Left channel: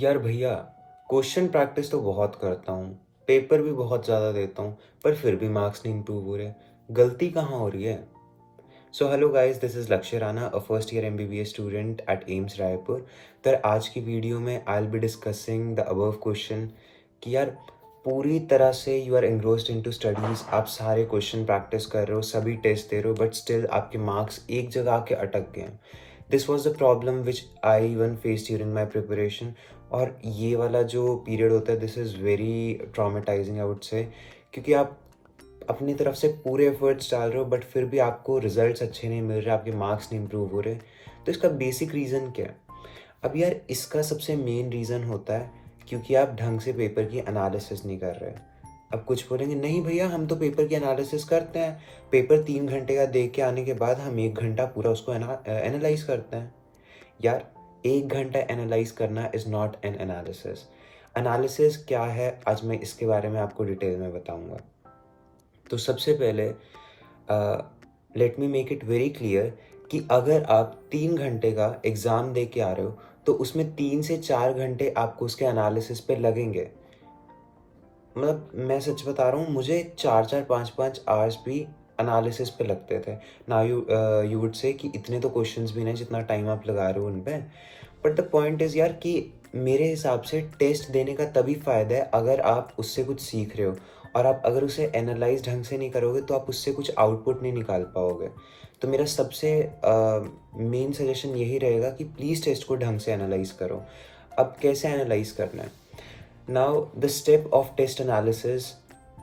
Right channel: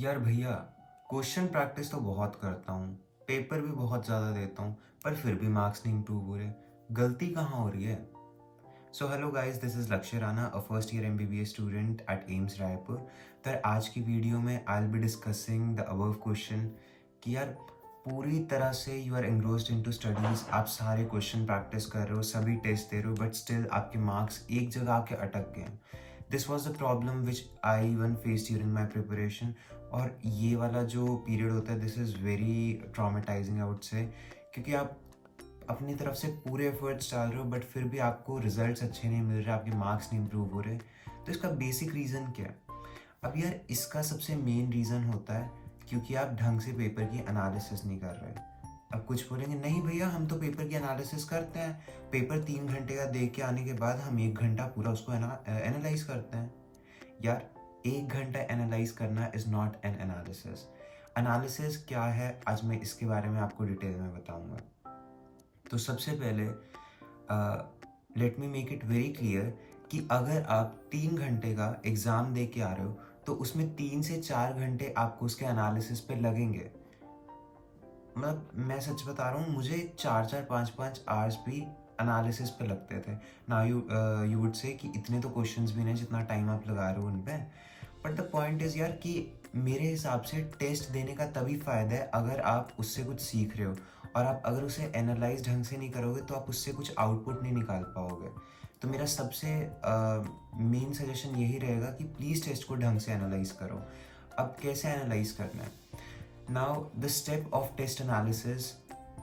यार भैया, question practice तो बहुत करता हूँ, पेपर भी बहुत ज़्यादा देता हूँ, पर फिर भी मार्क्स नहीं इम्प्रूव हो रहे। गलती कहाँ हो रही है? So hello guys, this is Lakshya Rana, a first year MBBS student at AIIMS Raipur. तो आज की वीडियो में I will be discussing the above question कि यार पूरी तरह से you are engrossed into studies, आप सारे क्वेश्चन प्रैक्टिस कर रहे हो, सभी टेस्ट दे रहे हो, बट स्टिल आपके मार्क्स एक जगह आके अटक गए हैं। This was the problem which I one face during my preparation. और ये वाला जो पीरियड होता है, this is very traumatising I would say, क्योंकि आप अपनी तरफ से पूरे एफर्ट्स डाल रहे हो बट फिर भी आपको रिजल्ट्स अच्छे नहीं मिल रहे, आपके मार्क्स नहीं इम्प्रूव हो रहे। तो इसका बेसिक रीज़न क्या है? अब यार इसका सबसे मेन रीज़न होता है क्योंकि आप ढंग से पेपर की एनालिसिस नहीं कर रहे। अब कुछ बोलेंगे नहीं भैया, हम तो पेपर की एनालिसिस करते हैं, पेपर 3 घंटे का दे के आने के बाद हम 1 घंटा पूरा उसको एनालाइज करते हैं। यार 1 घंटा एनालाइज करना is not an analysis. Analysis क्या है, आज मैं इसके बारे में आपको डिटेल में बताऊंगा। तो सबसे पहले let me make it very clear कि अगर आप 3 घंटे का एग्ज़ाम दे के आ रहे हो तो उसमें 3 से 4 घंटे आपको उसके एनालिसिस पे लगेंगे। मतलब मैं सच बता रहा हूँ, मुझे 4-4 5-5 आवर्स भी एनालिसिस पे लगते थे। नाउ यू वुड से कि इतने तो क्वेश्चंस भी नहीं जितना टाइम आप लगा रहे हो उन पे। बट द पॉइंट इज़ यार कि मेरे हिसाब से टेस्ट देने का तभी फ़ायदा है अगर आप उससे कुछ सीख रहे हो, और आप अगर उसे एनालाइज ढंग से नहीं करोगे तो आप उससे कुछ आउटपुट नहीं निकाल पाओगे। तो मेरा सबसे मेन सजेशन यही रहेगा कि प्लीज़ टेस्ट को ढंग से एनालाइज करो। अब कैसे एनालाइज करना है? Now, the step of test analysis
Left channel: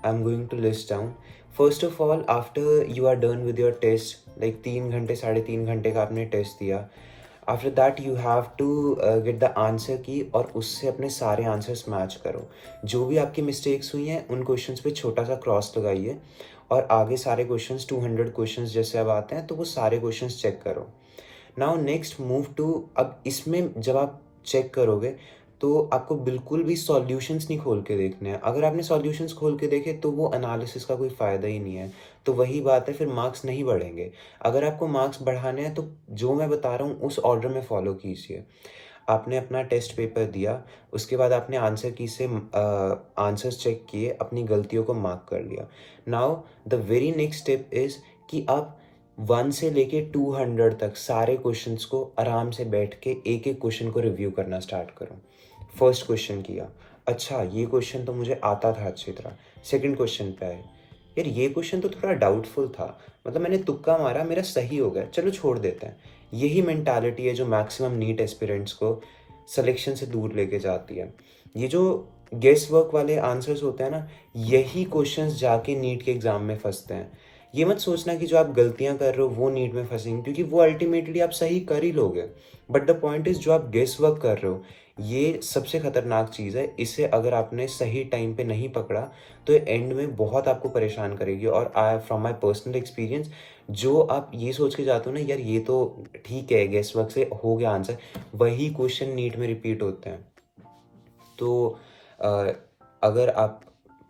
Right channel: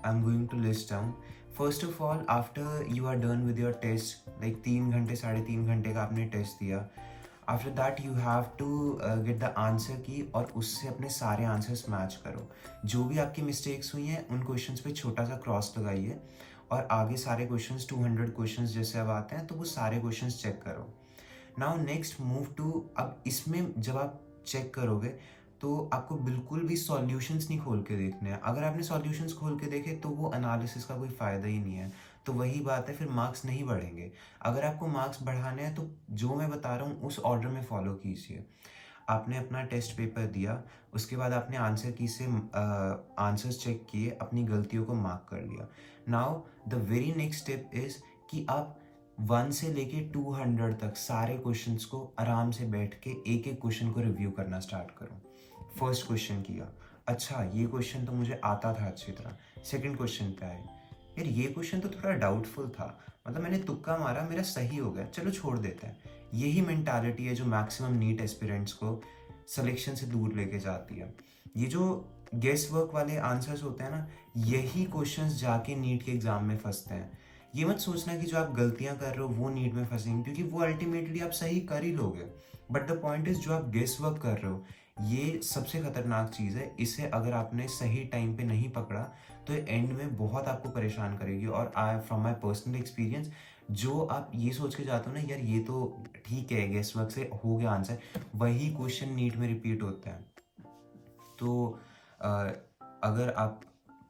I'm going to list down. First of all, after you are done with your test, like 3 घंटे 3.5 घंटे का आपने टेस्ट दिया, after that you have to get the answer key और उससे अपने सारे answers match करो। जो भी आपकी मिस्टेक्स हुई हैं उन क्वेश्चंस पे छोटा सा क्रॉस लगाइए और आगे सारे क्वेश्चंस 200 क्वेश्चंस जैसे अब आते हैं तो वो सारे क्वेश्चंस चेक करो। नाउ नेक्स्ट मूव टू, अब इसमें जब आप चेक करोगे तो आपको बिल्कुल भी सॉल्यूशंस नहीं खोल के देखने हैं। अगर आपने सॉल्यूशंस खोल के देखे तो वो एनालिसिस का कोई फ़ायदा ही नहीं है। तो वही बात है, फिर मार्क्स नहीं बढ़ेंगे। अगर आपको मार्क्स बढ़ाने हैं तो जो मैं बता रहा हूँ उस ऑर्डर में फॉलो कीजिए। आपने अपना टेस्ट पेपर दिया, उसके बाद आपने आंसर की से आंसर्स चेक किए, अपनी गलतियों को मार्क कर लिया। Now the very next step is कि आप 1 से लेके 200 तक सारे क्वेश्चंस को आराम से बैठ के एक एक क्वेश्चन को रिव्यू करना स्टार्ट करो। फर्स्ट क्वेश्चन किया, अच्छा ये क्वेश्चन तो मुझे आता था अच्छी तरह। सेकंड क्वेश्चन पे आए, यार ये क्वेश्चन तो थोड़ा डाउटफुल था, मतलब मैंने तुक्का मारा, मेरा सही हो गया, चलो छोड़ देते हैं। यही मेंटालिटी है जो मैक्सिमम नीट एस्पिरेंट्स को सिलेक्शन से दूर लेके जाती है। ये जो गेस वर्क वाले आंसर्स होते हैं ना, यही क्वेश्चंस जाके नीट के एग्जाम में फंसते हैं। ये मत सोचना कि जो आप गलतियां कर रहे हो वो नीट में फंसेंगी, क्योंकि वो अल्टीमेटली आप सही कर ही लोगे। बट द पॉइंट इज जो आप गेस वर्क कर रहे हो, ये सबसे खतरनाक चीज़ है। इसे अगर आपने सही टाइम पे नहीं पकड़ा तो ये एंड में बहुत आपको परेशान करेगी। और आई फ्रॉम माई पर्सनल एक्सपीरियंस, जो आप ये सोच के जाते हो ना यार ये तो ठीक है, गेस वर्क से हो गया आंसर, वही क्वेश्चन नीट में रिपीट होते हैं। तो अ, अगर आप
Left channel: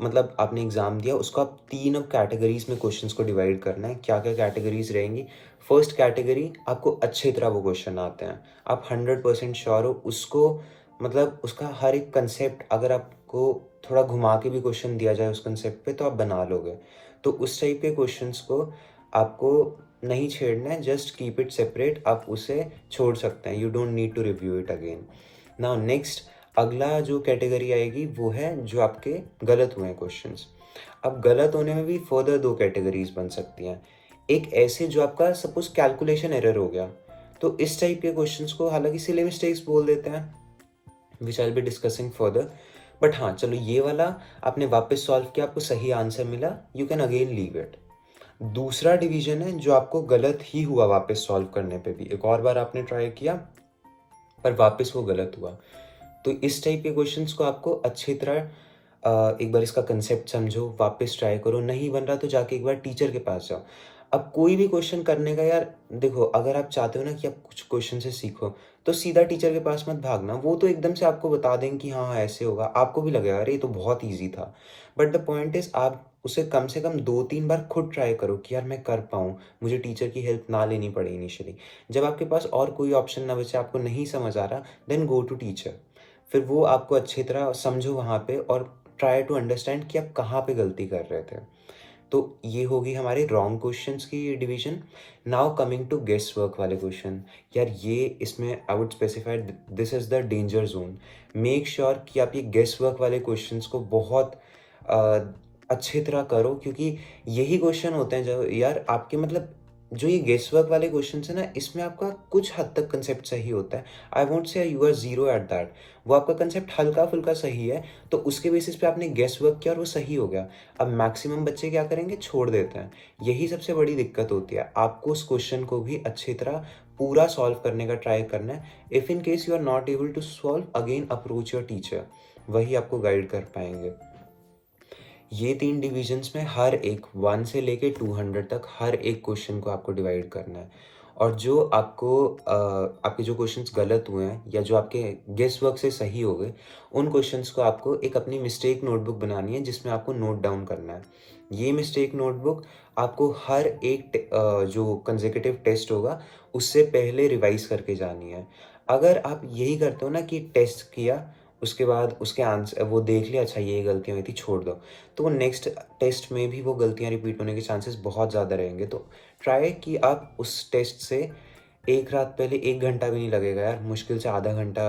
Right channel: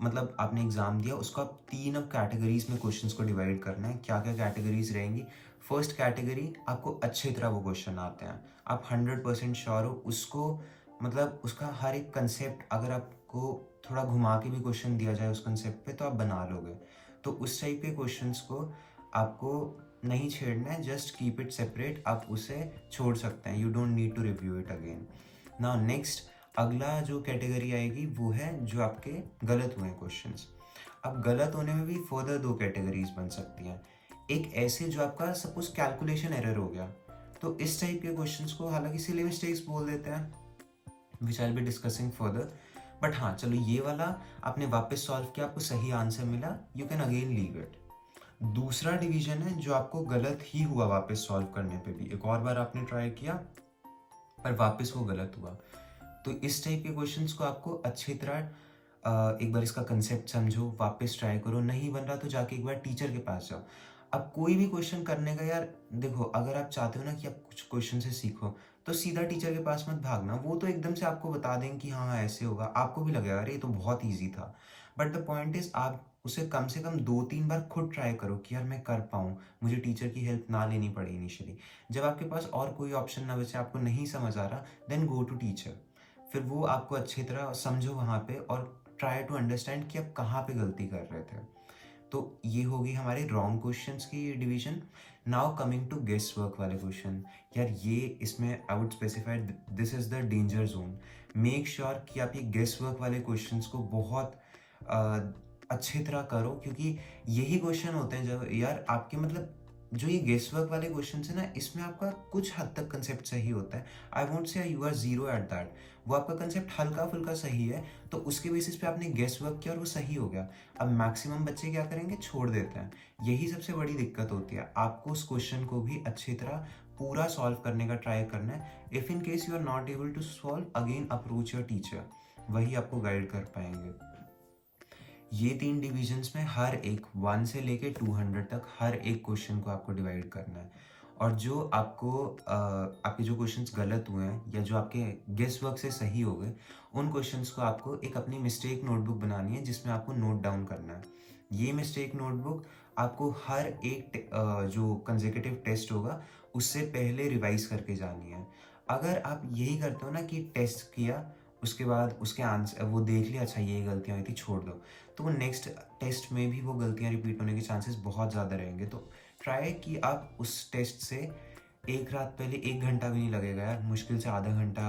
मतलब आपने एग्ज़ाम दिया, उसको आप 3 अब कैटेगरीज़ में क्वेश्चंस को डिवाइड करना है। क्या-क्या कैटेगरीज़ रहेंगी? फर्स्ट कैटेगरी, आपको अच्छी तरह वो क्वेश्चन आते हैं, आप 100% श्योर हो उसको, मतलब उसका हर एक कंसेप्ट अगर आपको थोड़ा घुमा के भी क्वेश्चन दिया जाए उस कंसेप्ट पे तो आप बना लोगे। तो उस टाइप के क्वेश्चंस को आपको नहीं छेड़ना है, जस्ट कीप इट सेपरेट, आप उसे छोड़ सकते हैं, you don't need to review it again. Now next, अगला जो कैटेगरी आएगी वो है जो आपके गलत हुए हैं क्वेश्चंस। अब गलत होने में भी फर्दर 2 कैटेगरीज बन सकती हैं। एक ऐसे जो आपका सपोज कैलकुलेशन एरर हो गया, तो इस टाइप के क्वेश्चंस को हालांकि सिली मिस्टेक्स बोल देते हैं, विच आई बी डिस्कसिंग फर्दर। बट हाँ चलो, ये वाला आपने वापस सॉल्व किया, आपको सही आंसर मिला, you can again leave it. दूसरा डिवीजन है जो आपको गलत ही हुआ वापस सॉल्व करने पे भी, एक और बार आपने ट्राई किया पर वापस वो गलत हुआ। तो इस टाइप के क्वेश्चंस को आपको अच्छी तरह एक बार इसका कंसेप्ट समझो, वापस ट्राई करो, नहीं बन रहा तो जाके एक बार टीचर के पास जाओ। अब कोई भी क्वेश्चन करने का यार देखो, अगर आप चाहते हो ना कि आप कुछ क्वेश्चन से सीखो तो सीधा टीचर के पास मत भागना, वो तो एकदम से आपको बता देंगे कि हाँ हाँ ऐसे होगा, आपको भी लगेगा अरे ये तो बहुत ईजी था। बट द पॉइंट इज आप उसे कम से कम 2-3 बार खुद ट्राई करो कि यार मैं कर पाऊँ, मुझे टीचर की हेल्प ना लेनी पड़े इनिशियली। जब आपके पास और कोई ऑप्शन ना बचे, आपको नहीं समझ आ रहा, देन गो टू टीचर। फिर वो आपको अच्छी तरह समझो वहाँ पे और ट्राई टू अंडरस्टैंड कि आप कहाँ पे गलती कर रहे थे। तो ये होगी हमारे रॉन्ग क्वेश्चंस की division. Now coming to guess work वाले क्वेश्चन, यार ये इसमें I would specify this is the danger zone. Make sure कि आप ये गेस वर्क वाले क्वेश्चंस को बहुत अच्छी तरह करो, क्योंकि यही क्वेश्चन होते हैं जो यार आपके मतलब जो ये गेस वर्क वाले क्वेश्चन है ना, इसमें आपका कुछ हद तक कंसेप्ट सही होता है। I won't say you are zero at that. वो आपका कंसेप्ट हल्का फुल्का सही है, तो उसके बेसिस पे आपने गेस वर्क किया और वो सही हो गया। अब मैक्सिमम बच्चे क्या करेंगे, छोड़ देते हैं। यही सबसे बड़ी दिक्कत होती है। आपको उस क्वेश्चन को भी अच्छी तरह पूरा सॉल्व करने का ट्राई करना है। If in case you are not able to solve, again approach your teacher, वही आपको गाइड कर पाएंगे। ये 3 डिविजन्स में हर एक 1 से लेके 200 तक हर एक क्वेश्चन को आपको डिवाइड करना है। और जो आपको आपके जो क्वेश्चंस गलत हुए हैं या जो आपके गेस वर्क से सही हो गए, उन क्वेश्चंस को आपको एक अपनी मिस्टेक नोटबुक बनानी है जिसमें आपको नोट डाउन करना है। ये मिस्टेक नोटबुक आपको हर एक जो कंसेक्यूटिव टेस्ट होगा उससे पहले रिवाइज करके जानी है। अगर आप यही करते हो ना कि टेस्ट किया, उसके बाद उसके आंसर वो देख लिया, अच्छा ये गलतियाँ हुई थी, छोड़ दो, तो वो नेक्स्ट टेस्ट में भी वो गलतियाँ रिपीट होने के चांसेस बहुत ज़्यादा रहेंगे। तो ट्राई कि आप उस टेस्ट से एक रात पहले 1 घंटा भी नहीं लगेगा यार, मुश्किल से आधा घंटा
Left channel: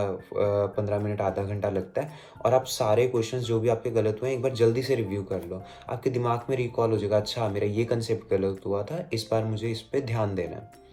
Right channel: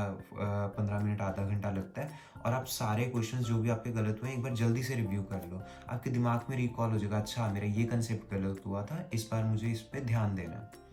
15 मिनट आधा घंटा लगता है, और आप सारे क्वेश्चंस जो भी आपके गलत हुए हैं एक बार जल्दी से रिव्यू कर लो। आपके दिमाग में रिकॉल हो जाएगा, अच्छा मेरा ये कंसेप्ट गलत हुआ था, इस बार मुझे इस पे ध्यान देना है।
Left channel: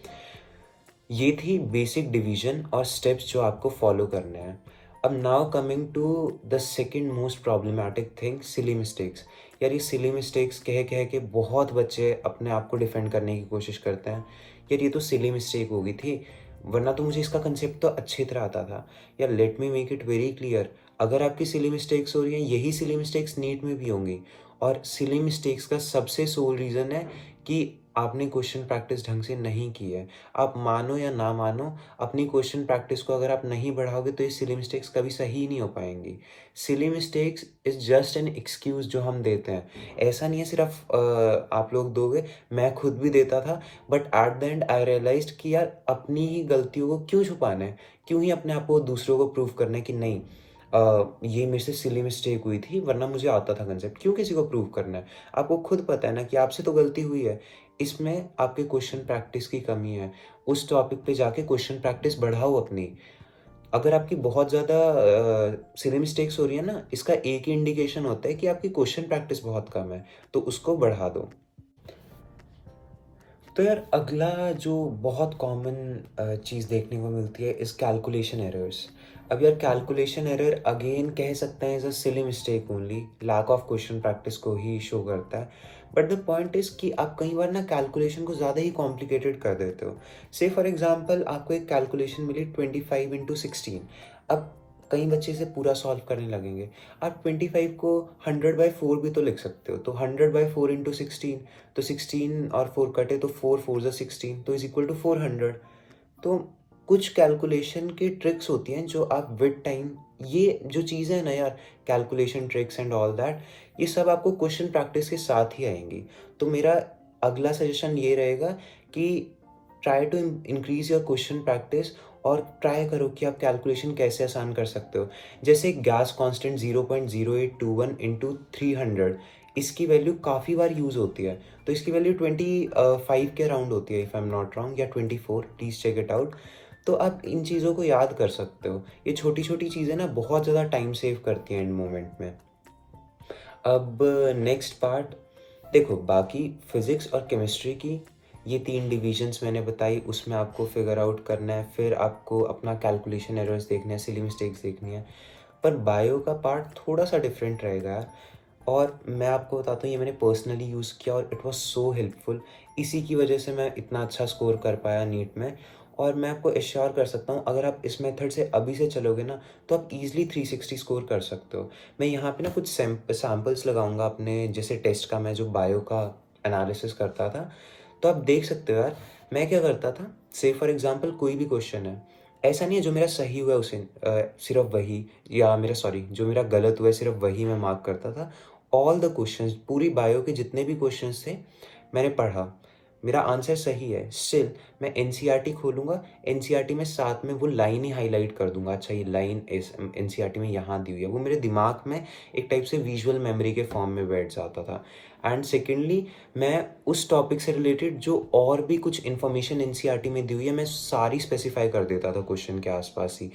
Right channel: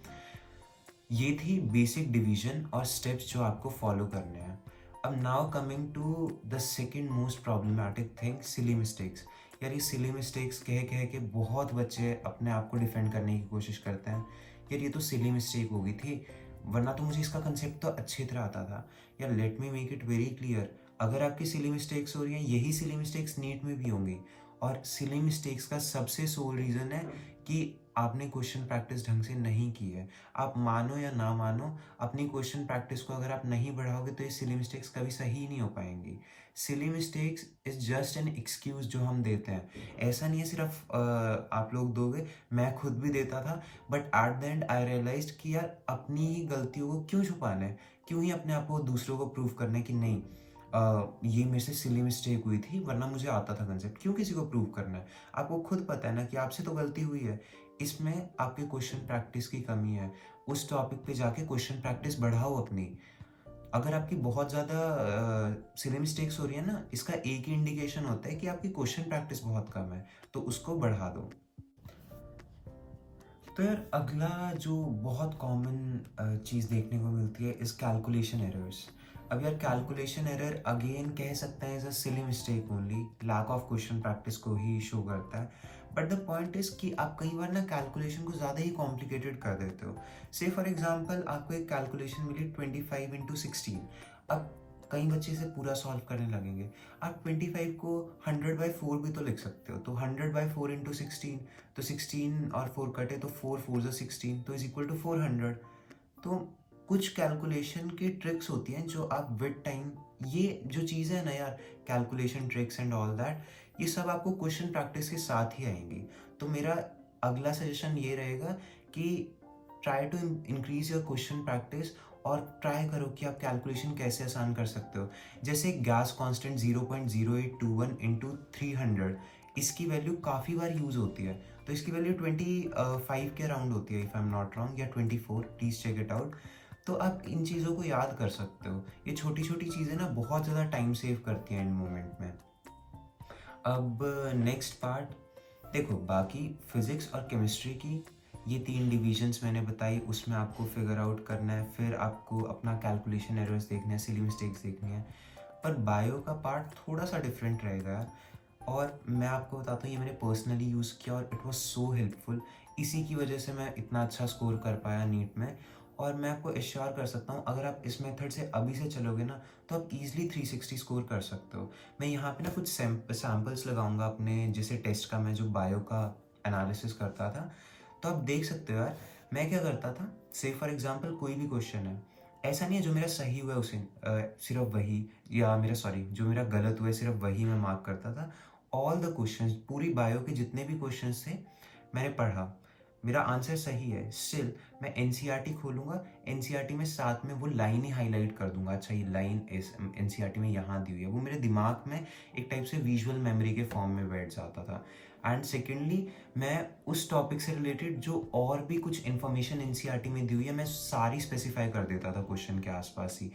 ये थी बेसिक डिवीजन और स्टेप्स जो आपको फॉलो करने हैं। अब now coming to the second most problematic thing, silly mistakes. यार ये सिली मिस्टेक्स कह कह के बहुत बच्चे अपने आप को डिफेंड करने की कोशिश करते हैं। यार ये तो सिली मिस्टेक हो गई थी, वरना तो मुझे इसका कंसेप्ट तो अच्छी तरह आता था। यार let me make it very clear, अगर आपकी सिली मिस्टेक्स हो रही हैं, यही सिली मिस्टेक्स नीट में भी होंगी। और सिली मिस्टेक्स का सबसे सोल रीज़न है कि आपने क्वेश्चन प्रैक्टिस ढंग से नहीं की है। आप मानो या ना मानो, अपनी क्वेश्चन प्रैक्टिस को अगर आप नहीं बढ़ाओगे तो ये सिली मिस्टेक्स कभी सही नहीं हो पाएंगी। Silly mistakes is just an excuse जो हम देते हैं। ऐसा नहीं है सिर्फ आप लोग दोगे, मैं खुद भी देता था, but at the end I realised कि यार अपनी ही गलतियों को क्यों छुपाना है, क्यों ही अपने आप को दूसरों को प्रूव करना है कि नहीं ये मेरे से सिली मिस्टेक हुई थी, वरना मुझे आता था कंसेप्ट, क्यों किसी को प्रूव करना है। आपको खुद पता है ना कि आपसे तो गलती हुई है, इसमें आपके क्वेश्चन प्रैक्टिस की कमी है। उस टॉपिक पे जाके क्वेश्चन प्रैक्टिस बढ़ाओ अपनी। अगर आपकी बहुत ज़्यादा सिली मिस्टेक्स हो रही है ना, इसका एक ही इंडिकेशन होता है कि आपकी क्वेश्चन प्रैक्टिस बहुत कम है, तो उसको बढ़ा दो। तो यार अगला जो बहुत कॉमन चीज़ देखने को मिलती है इस कैलकुलेशन एरर्स। अब यार कैलकुलेशन एरर अगेन कह सकते हैं as a silly mistake only, lack of question practice को ही शो करता है। बट द पॉइंट इज़ कि आप कई बार ना कैलकुलेशन को ज़्यादा ही कॉम्प्लिकेटेड कर देते हो। से फॉर एग्जांपल आपको एक कैलकुलेशन मिली 25 × 16। अब कई बच्चे इसे पूरा सॉल्व करने लगेंगे। आप 25 को 100/4 भी तो लिख सकते हो, तो 100/4 × 16, तो 16 और 4 कटे तो 4 4 ज़ा 16, तो इज इक्वल टू 400। तो कुछ कैलकुलेशन की ट्रिक्स होती हैं जो आप विद टाइम, ये जो चीज़ें हैं ना यार, calculation tricks and all that, ये सब आपको क्वेश्चन प्रैक्टिस के साथ ही आएंगी। तो मेरा अगला सजेशन ये रहेगा कि try to increase your question practice और ट्राई करो कि आप कैलकुलेशन कैसे आसान कर सकते हो। जैसे गैस कांस्टेंट 0.0821 इंटू 300, इसकी वैल्यू काफ़ी बार यूज़ होती है, तो इसकी वैल्यू 25 के अराउंड होती है if I am not wrong, या 24, प्लीज़ चेक इट आउट। तो आप इन चीज़ों को याद कर सकते हो। ये छोटी छोटी चीज़ें ना बहुत ज़्यादा टाइम सेव करती हैं एंड मोमेंट में। अब नेक्स्ट पार्ट, देखो बाकी फिज़िक्स और केमिस्ट्री की ये 3 डिविजन्स मैंने बताई, उसमें आपको फिगर आउट करना है, फिर आपको अपना कैलकुलेशन एरर्स देखने हैं, सिली मिस्टेक्स देखनी है। पर बायो का पार्ट थोड़ा सा डिफरेंट रहेगा यार, और मैं आपको बताता हूँ ये मैंने पर्सनली यूज़ किया और इट वाज सो हेल्पफुल। इसी की वजह से मैं इतना अच्छा स्कोर कर पाया नीट में। और मैं आपको एश्योर कर सकता हूँ अगर आप इस मेथड से अभी से चलोगे ना, तो आप ईजिली 360 स्कोर कर सकते हो। मैं यहाँ पे ना कुछ सैम्पल्स लगाऊंगा अपने जैसे टेस्ट का, मैं जो बायो का एनालिसिस करता था, तो आप देख सकते हो यार मैं क्या करता था। से फॉर एग्जांपल कोई भी क्वेश्चन है, ऐसा नहीं है जो मेरा सही हुआ है उसे सिर्फ वही, या मेरा सॉरी जो मेरा गलत हुआ है सिर्फ वही मैं मार्क करता था। ऑल द क्वेश्चंस, पूरी बायो के जितने भी क्वेश्चंस थे मैंने पढ़ा, मेरा आंसर सही है, स्टिल मैं एनसीईआरटी खोलूँगा, एनसीईआरटी में साथ में वो लाइन ही हाइलाइट कर दूँगा, अच्छा ये लाइन इस एनसीईआरटी में यहाँ दी हुई है। वो मेरे दिमाग में एक टाइप से विजुअल मेमोरी के फॉर्म में बैठ जाता था। एंड सेकेंडली, मैं उस टॉपिक से रिलेटेड जो और भी कुछ इन्फॉर्मेशन एनसीईआरटी में दी हुई है, मैं सारी स्पेसिफाई कर देता था क्वेश्चन के आसपास ही।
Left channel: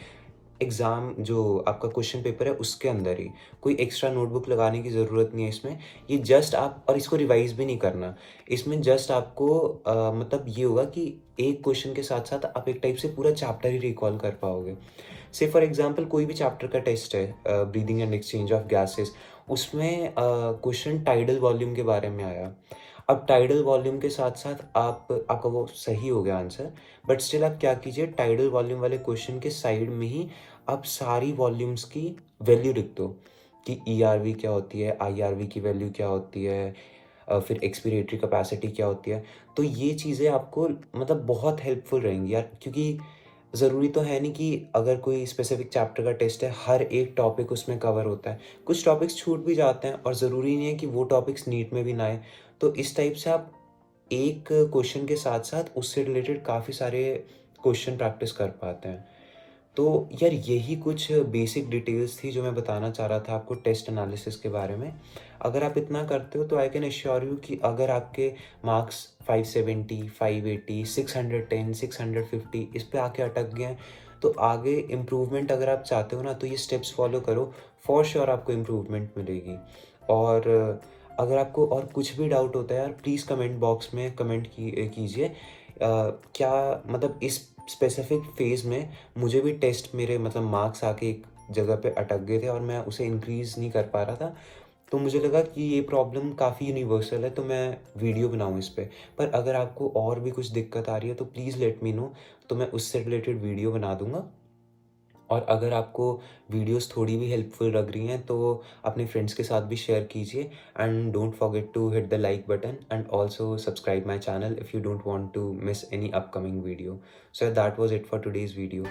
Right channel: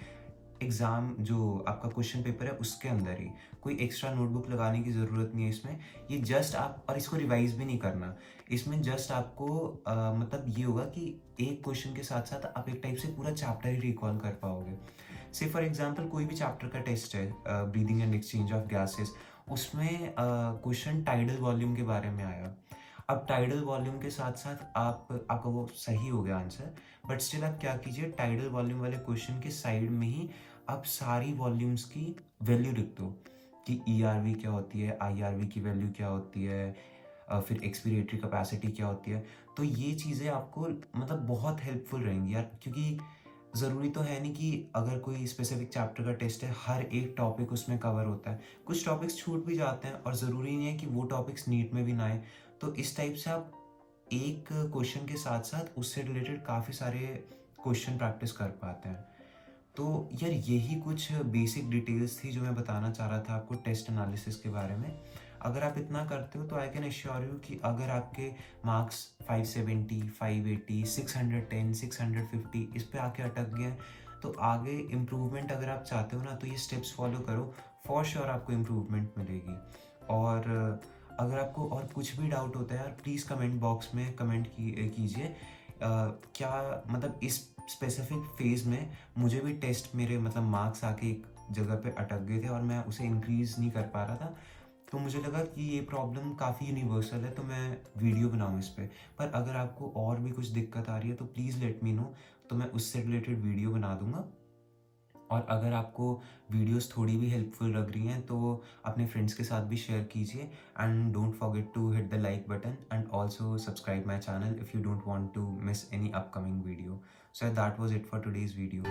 एग्ज़ाम जो आपका क्वेश्चन पेपर है उसके अंदर ही, कोई एक्स्ट्रा नोटबुक लगाने की ज़रूरत नहीं है इसमें। ये जस्ट आप, और इसको रिवाइज़ भी नहीं करना। इसमें जस्ट आपको मतलब ये होगा कि एक क्वेश्चन के साथ-साथ आप एक टाइप से पूरा चैप्टर ही रिकॉल कर पाओगे। से फॉर एग्ज़ाम्पल कोई भी चैप्टर का टेस्ट है, breathing and exchange of gases, उसमें क्वेश्चन टाइडल वॉल्यूम के बारे में आया। अब टाइडल वॉल्यूम के साथ-साथ आपका वो सही हो गया आंसर, बट स्टिल आप क्या कीजिए, टाइडल वॉल्यूम वाले क्वेश्चन के साइड में ही आप सारी वॉल्यूम्स की वैल्यू लिख दो कि ईआरवी क्या होती है, आईआरवी की वैल्यू क्या होती है, फिर एक्सपीरेटरी कैपेसिटी क्या होती है। तो ये चीज़ें आपको मतलब बहुत हेल्पफुल रहेंगी यार, क्योंकि ज़रूरी तो है नहीं कि अगर कोई स्पेसिफिक चैप्टर का टेस्ट है, हर एक टॉपिक उसमें कवर होता है। कुछ टॉपिक्स छूट भी जाते हैं और ज़रूरी नहीं है कि वो टॉपिक्स नीट में भी ना आए। तो इस टाइप से आप एक क्वेश्चन के साथ-साथ उससे रिलेटेड काफ़ी सारे क्वेश्चन प्रैक्टिस कर पाते हैं। तो यार यही कुछ बेसिक डिटेल्स थी जो मैं बताना चाह रहा था आपको टेस्ट एनालिसिस के बारे में। अगर आप इतना करते हो तो आई कैन एश्योर यू कि अगर आपके मार्क्स 570, 580, 610, 650 इस पे आके अटक गए हैं, तो आगे इम्प्रूवमेंट अगर आप चाहते हो ना, तो ये स्टेप्स फॉलो करो, फॉर श्योर आपको इम्प्रूवमेंट मिलेगी। और अगर आपको और कुछ भी डाउट होता है यार, प्लीज़ कमेंट बॉक्स में कमेंट कीजिए। क्या मतलब इस स्पेसिफिक फ़ेज़ में मुझे भी टेस्ट मेरे मतलब मार्क्स आके एक जगह पे अटक गए थे और मैं उसे इंक्रीज़ नहीं कर पा रहा था। तो मुझे लगा कि ये प्रॉब्लम काफ़ी यूनिवर्सल है, तो मैं वीडियो बनाऊँ इस पे। पर अगर आपको और भी कुछ दिक्कत आ रही है तो प्लीज़ लेट मी नो, तो मैं उससे रिलेटेड वीडियो बना दूँगा। और अगर आपको वीडियोस थोड़ी भी हेल्पफुल लग रही हैं तो अपने फ्रेंड्स के साथ भी शेयर कीजिए, and don't forget to hit the like button and also subscribe my channel if you don't want to miss any upcoming video. So that was it for today's video.